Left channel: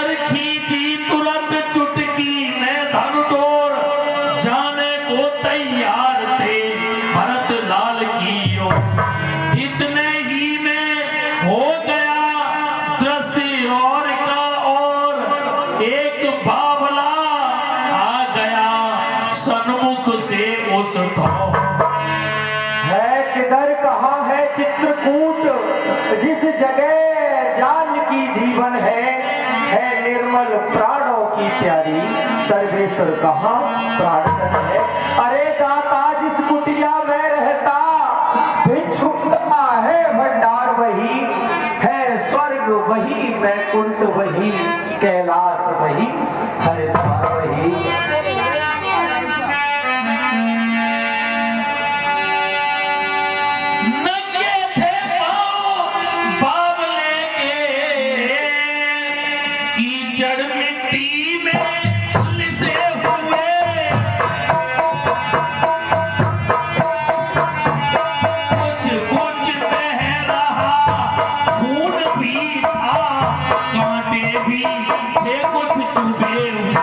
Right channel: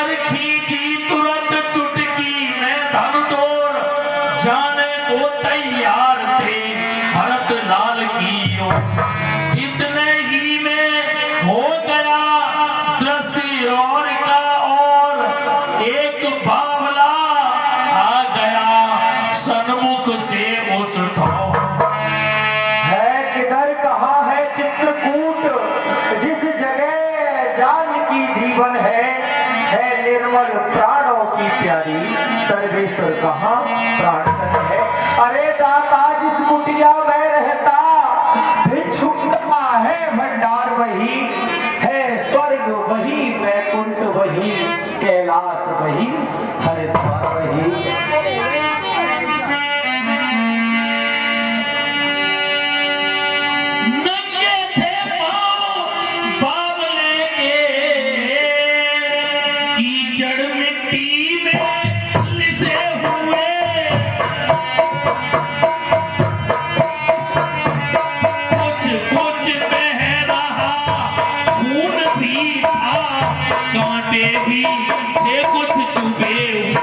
कर खींची तुरंत चुटकी में धन डोर, जाने को तैयार थे भरत लाल की ओर। इतने ही में हो गया दृश्य और का, और एक बावला आ गया सन्मुख से उस ठाव। है किधर कहाँ है चित्रकूट, जिस जगह जानकी जीवन है निर्मल प्राणों की प्यारी, सर्वेश्वर कहाँ प्राण है। अरे दाता जिस कुटिया में रहता, भिक्षुकता है भंडार वही, है स्वर्ग वही, वैकुंठ वही, कैलाश वही, हरिद्वार वही। कीचड़ मिट्टी में लिसे हुए, कुछ कुछ बह रहा खून भी था, कांटे भी थे कुछ चुभे हुए।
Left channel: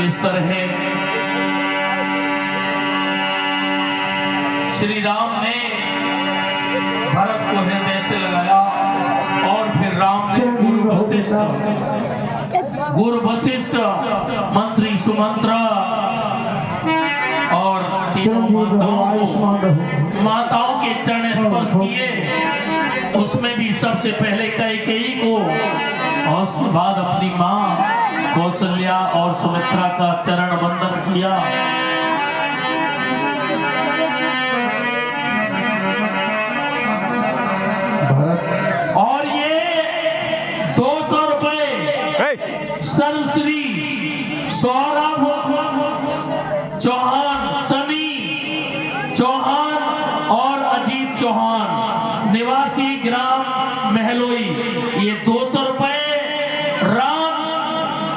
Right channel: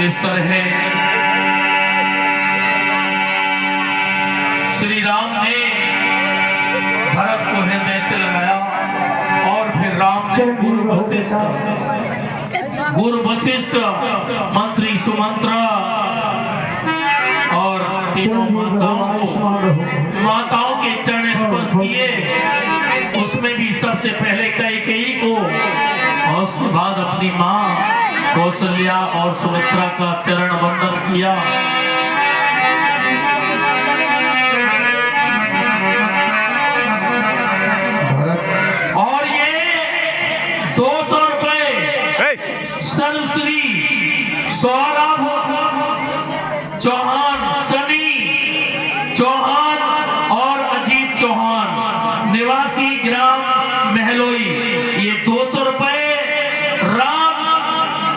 इस तरह श्री राम ने भरत को हृदय से लगाया और फिर राम ने गुरु वशिष्ठ मंत्री सुमंत्रा और तीनों माताओं के चरण स्पर्श किए। उसमें भी सबसे पहले कैकेयी को और उसके बाद अपनी मां कौशल्या और सुमित्रा का चरण वंदन किया। और ये 200 रुपए सर्वश्री सौरभ चौहान, सनी चौहान और अजीत चौहान निवासी ग्राम महलोई, ये 200 रुपए राम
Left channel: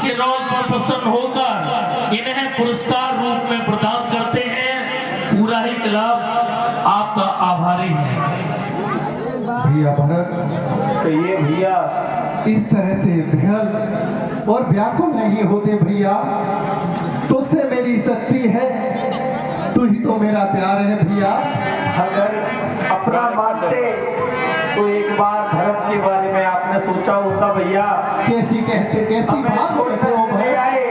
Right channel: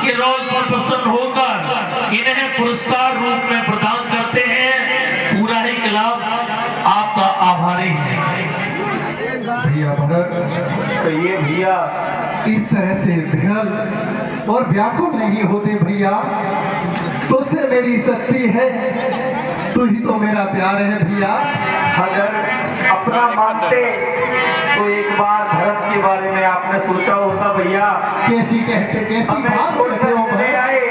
के रोल पर प्रसन्न होकर इन्हें पुरस्कार रूप में प्रदान करते हैं। पूरा ही क्लब आपका आभारी है। भैया भरत, कहिए भैया। इस तरह से विहल और व्याकुल नहीं होते भैया। तुझसे मेरी शक्ति है, तू ही तो मेरा प्यार है भैया। अगर अपना मानते तो एक बार धर्म के बारे में आपने सोचा होता भैया। कैसी हमें बात कहते हो छोड़कर नहीं आए,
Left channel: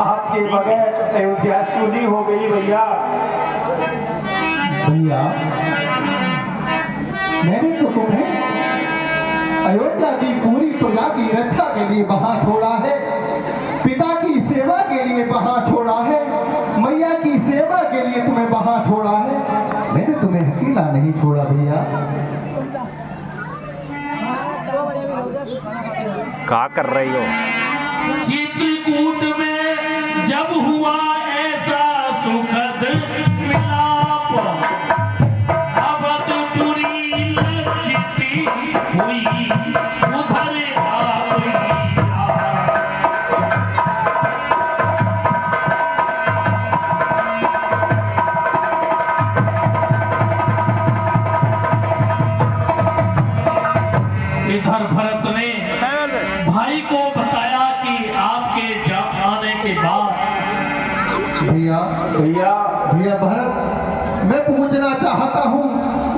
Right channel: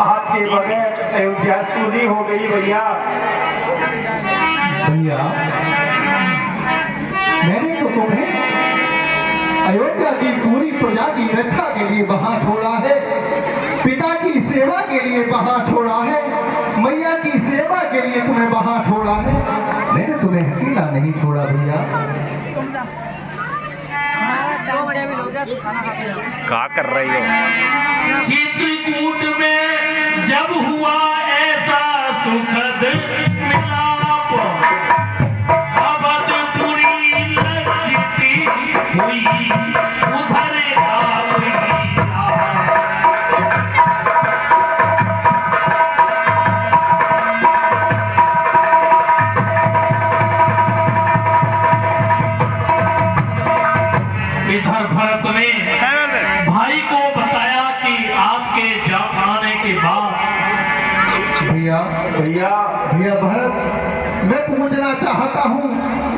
आपके बगैर अयोध्या सूनी हो गई भैया। भैया, मैंने तो तुम्हें अयोध्या की पूरी प्रजा की रक्षा के लिए वहां छोड़ा है, पिता की सेवा के लिए वहां छोड़ा है, मैया की सेवा के लिए तुम्हें वहां छोड़ा है। मैंने तुम्हें अकेला नहीं छोड़ा भैया। क्या कर रही हो? चित्रकूट में जब हुआ ऐसा सुखद मिलाप, अवधपुरी लज्जित हुई उधर आप ही आप। इधर भरत ने भाई को बताया कि आपके आने के बाद भैया भैया भैया भरत, मैं पूछना चाहता हूँ,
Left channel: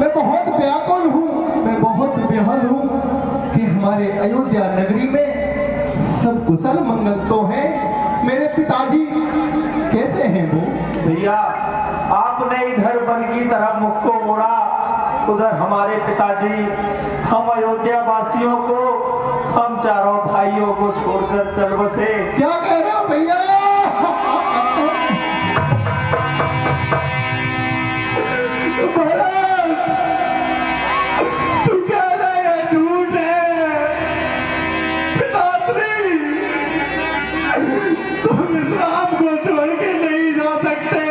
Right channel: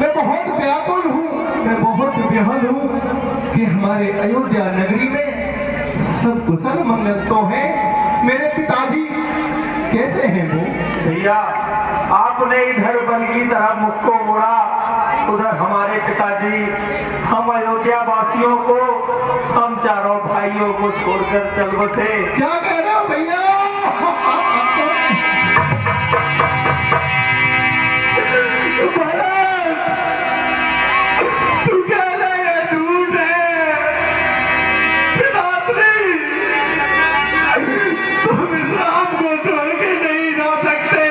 मैं बहुत व्याकुल हूँ, मैं बहुत विहल हूँ कि हमारे अयोध्या नगरी में सब कुशल मंगल तो है। मेरे पिताजी कैसे हैं वो? भैया, आपने इधर वन की तरह मुख को मोड़ा, उधर हमारे पिताजी हम अयोध्या वासियों को, हम चारों भाइयों को छोड़कर चल बसे। क्या कह रहे हो भैया? तू कह रहे है झूठ है। पिताश्री, तुम इस राम को छोड़ के नहीं जा सकते।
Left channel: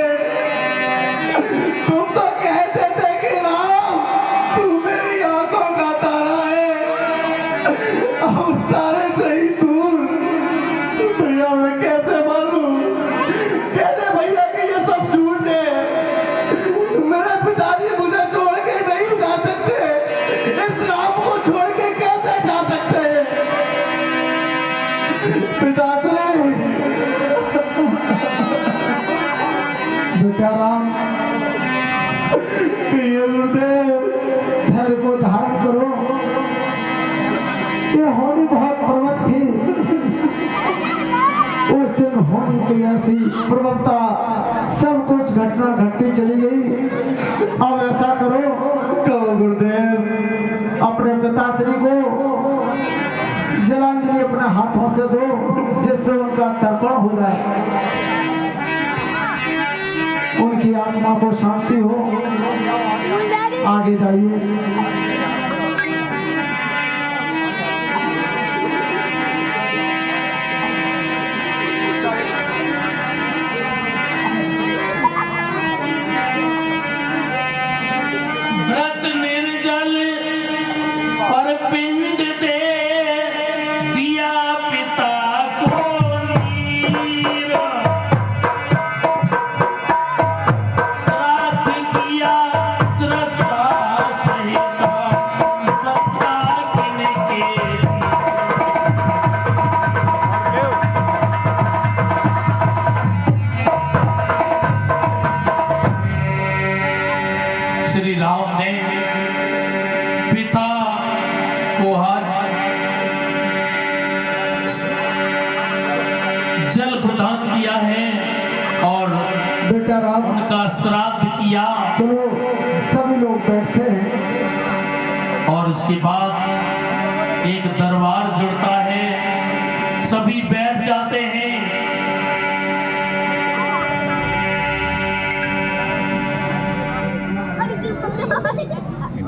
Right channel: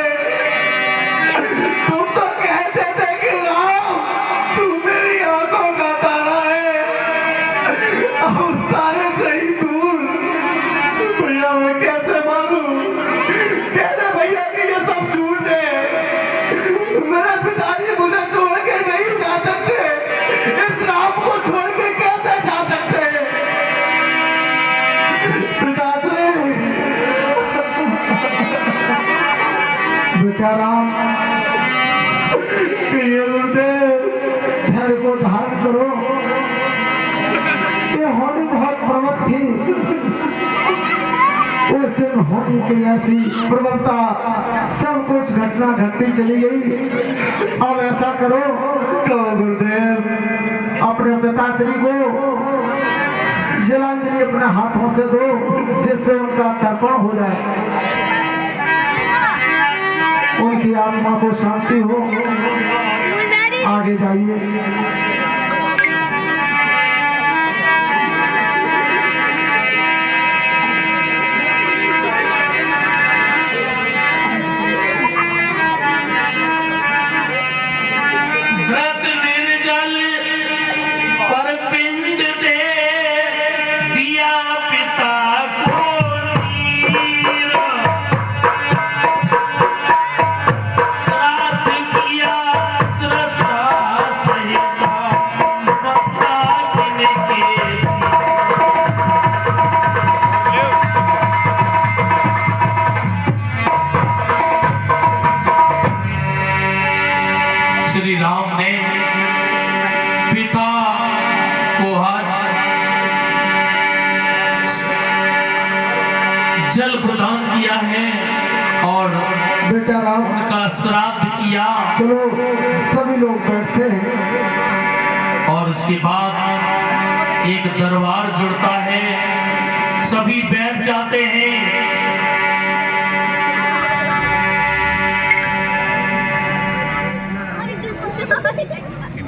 तुम तो कहते थे कि राम तू मेरी आंखों का तारा है, अब उस तारे से ही दूर। भैया मैं कैसे मानूं, कैसे भैया कि ये सब झूठ है। मेरे पिताजी मुझे छोड़ के नहीं जा सकते, इस राम को छोड़ के कैसे जा सकते? पिताश्री, बेटा राम, ये गुरुदेव धैर्य को धारण करो। ये होनी बहुत प्रबल थी, उस दिन होनी की ऐसी प्रबलता, सब कुछ घटना घटती चली गई। अब ऐसा करो तो गुरुदेव अपने पिताश्री को जलांजलि अपने हाथों से दो, जिससे उनका तर्पण हो जाए, उनकी आत्मा को शांति हो। आगे जाइए। व्रत निर्जल पर पिंड दे दिया पिता को नीर, श्राद्ध किया श्रद्धा सहित जल प्रदान किया है और बेटा राम, उनका श्राद्ध किया। चलो सभी लोग बैठते हैं। और इसके बाद एक दरबार जुड़ता है, सभी बैठ जाते हैं।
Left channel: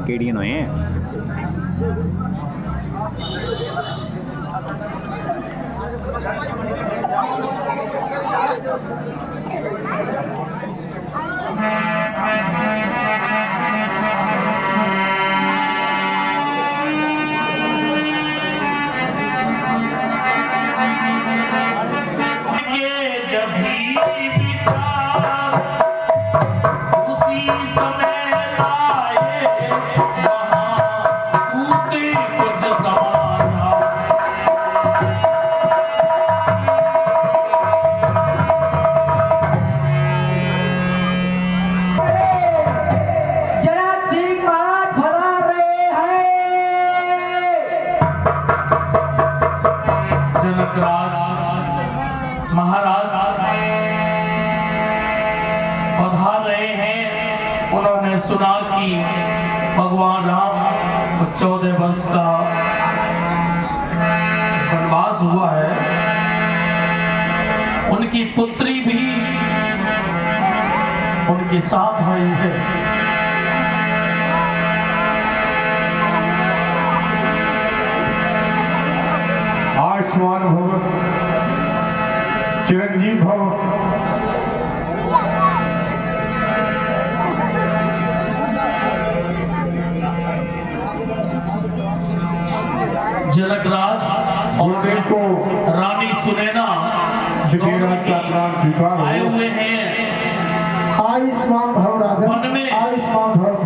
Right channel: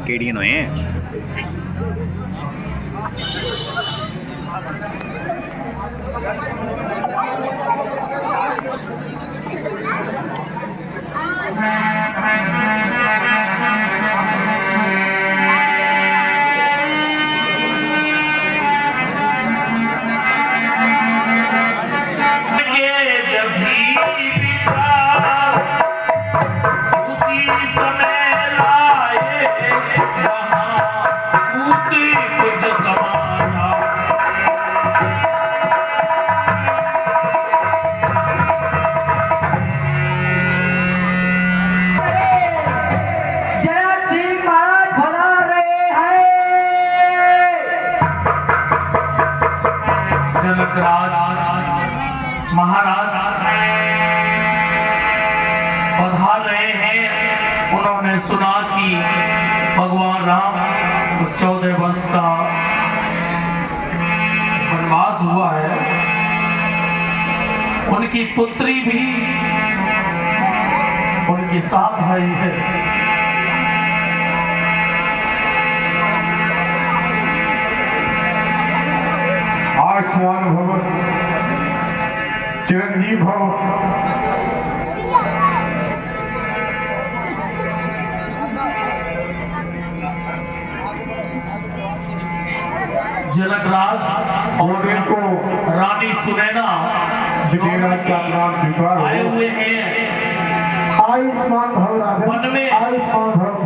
केड़ी नो है जब भी विचार उसी समय लाए, वहाँ कूदे कुछ समाना। जयराज सिंह महाराज पधार रहे हैं। जनकराज महाराज पधार रहे हैं। उन्होंने सुना कि भगवान राम 14 वर्ष का वनवास हुआ है, उनकी पुत्री भी उनके साथ आई है। आयुष्मान भव, चिरंजीव भव। जनकराज और को रानी सुनैना विधिराज का प्रणाम स्वीकार आए हो। हुए हैं। आयुष्मान भव राधे, वन में आयुष्मान भव,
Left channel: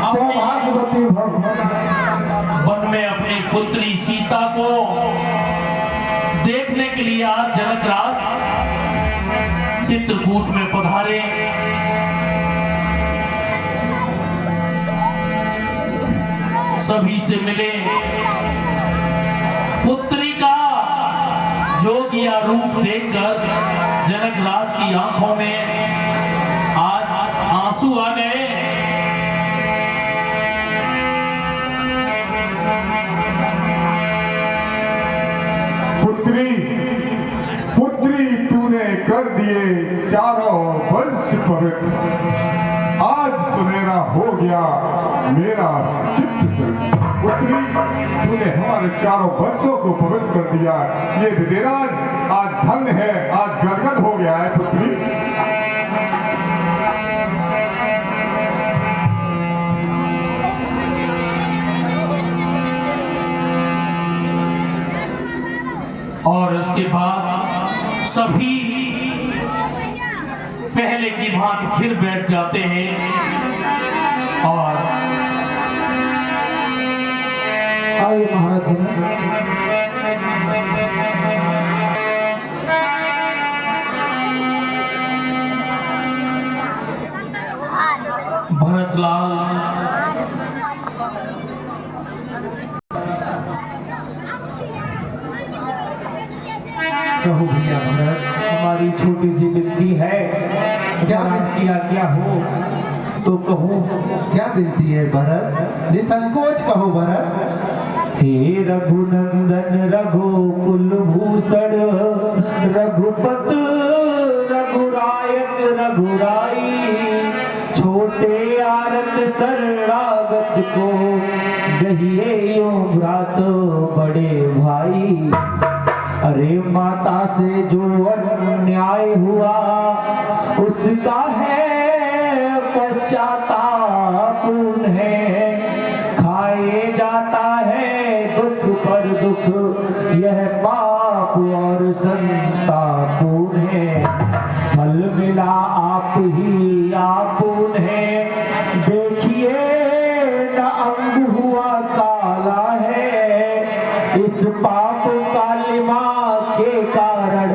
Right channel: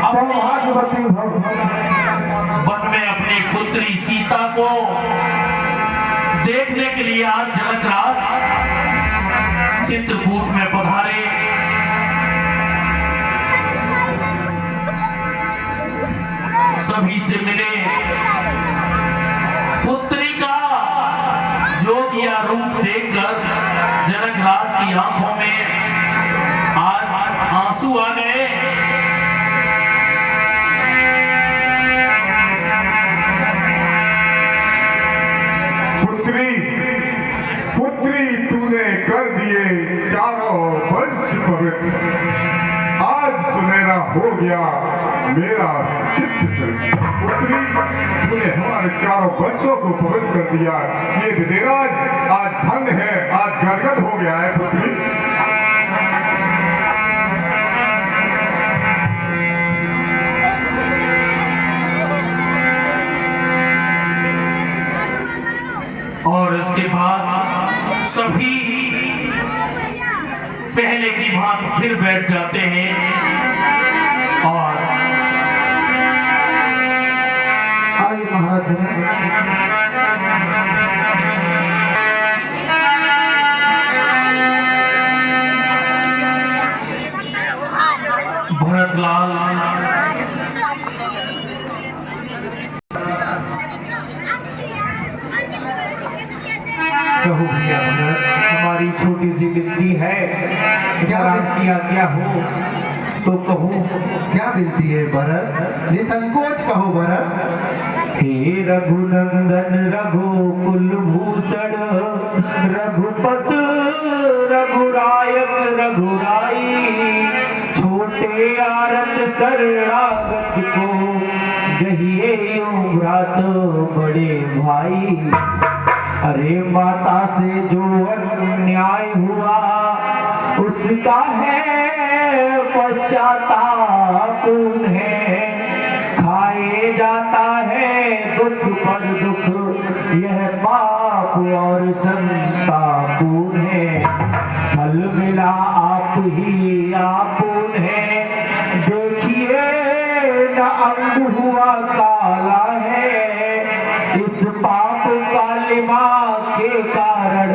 सौभाग्यवती भव। वन में अपनी पुत्री सीता को देखने के लिए आज जनकराज चित्रकूट में पधारे। सभी से मिले, पुत्री का जोगिया रूप देखकर जनकराज की आंखों में आज आंसू आ गए। पुत्री, पुत्री तूने कर दिए चारों वर्ष पवित्र। आज सुनहरा हो गया मेरा चित्त चल। पुत्री, तूने हमारे चारों वर्षों को पवित्र कर दिया। ये विधिराज आज धन्य है, आज गदगद हो गया है। पुत्री, और इसके बाद सभी पहले की भांति फिर बैठ जाते हैं और आइए महाराज भरतलाल कहो भैया भरत, हमारी छोटी सी विनती है, क्या की आज्ञा हो तो कहो। क्या विनती है भरत? निसंकोच कहो भरत। हे रघुनंदन रघुकुल भूषण, रघुपत रघुरायक रघुराई, छोटे आरत शरणागत को दहिए यो भ्रात बड़े भाई। अरे माता से जो अन्याय हुआ उसका है पश्चाताप उन्हें, खाए जाता है दुख पर दुख यह पाप और संताप उन्हें। फल मिला आप ही आप उन्हें, देखिए न अंग हुआ काला है। इस पाप कालिमा के कारण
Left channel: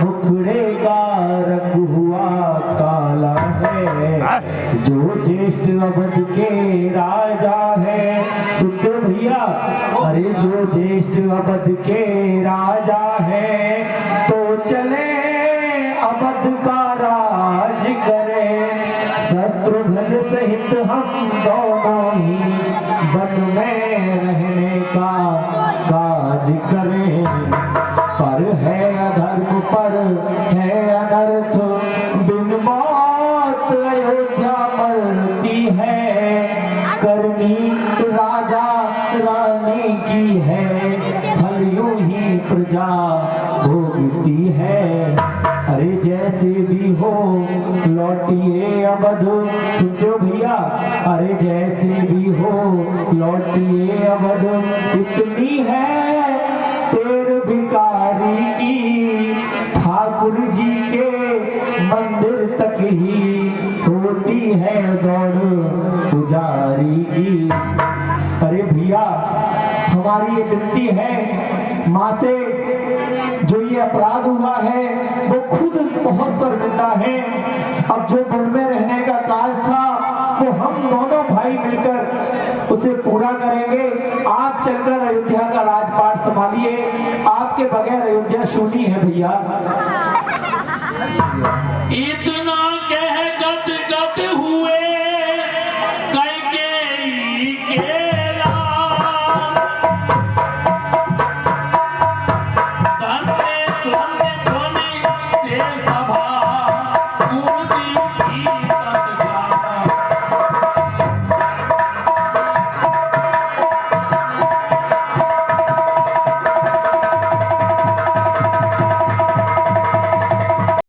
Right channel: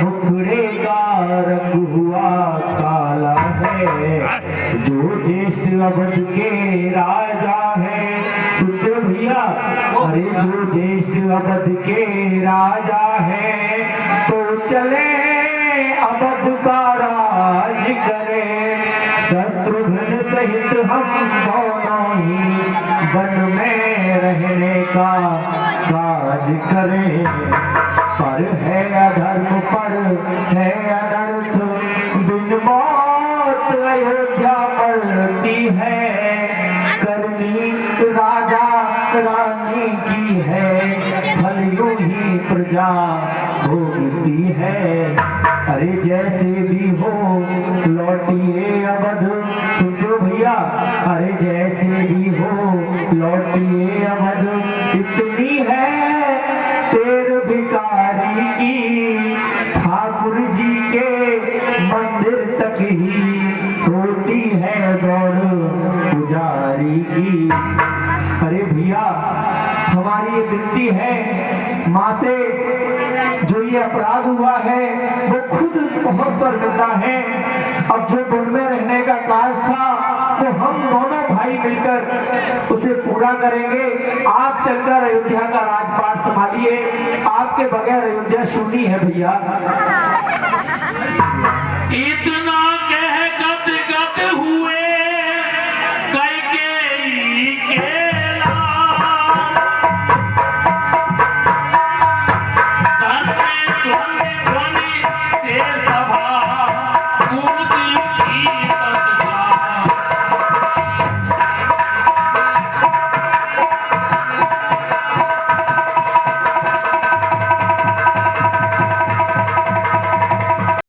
मुखड़े का रंग हुआ काला है। जो ज्येष्ठ अवध के राजा है, सुनते हो भैया, अरे जो ज्येष्ठ अवध के राजा है, पर है अधर्म पर है अनर्थ, दिन मौत अयोध्या मरती है, करनी राजा रानी की है, फल यूं ही प्रजा भोगती है। अरे जैसे भी हो लौटिए अवध, सुनते हो भैया, अरे जैसे भी हो लौटिए अवध, इतनी है तेर भिखारी की, ठाकुर जी के मंदिर तक ही होती है दौड़ पुजारी की। अरे भैया हमारी ये विनती है माँ से, जो ये अपराध हुआ है वो खुद बहुत शर्मिंदा है। अब जो दिल में रहने का काज था वो हम दोनों भाई मिलकर उसे पूरा करेंगे। आप चलकर अयोध्या का राजपाट संभालिए, आपके बगैर अयोध्या शून्य है भैया। इतना कह गद गद हुए कैकेयी के लाल, धन्य ध्वनि ध्वनि से सभा कूद उठी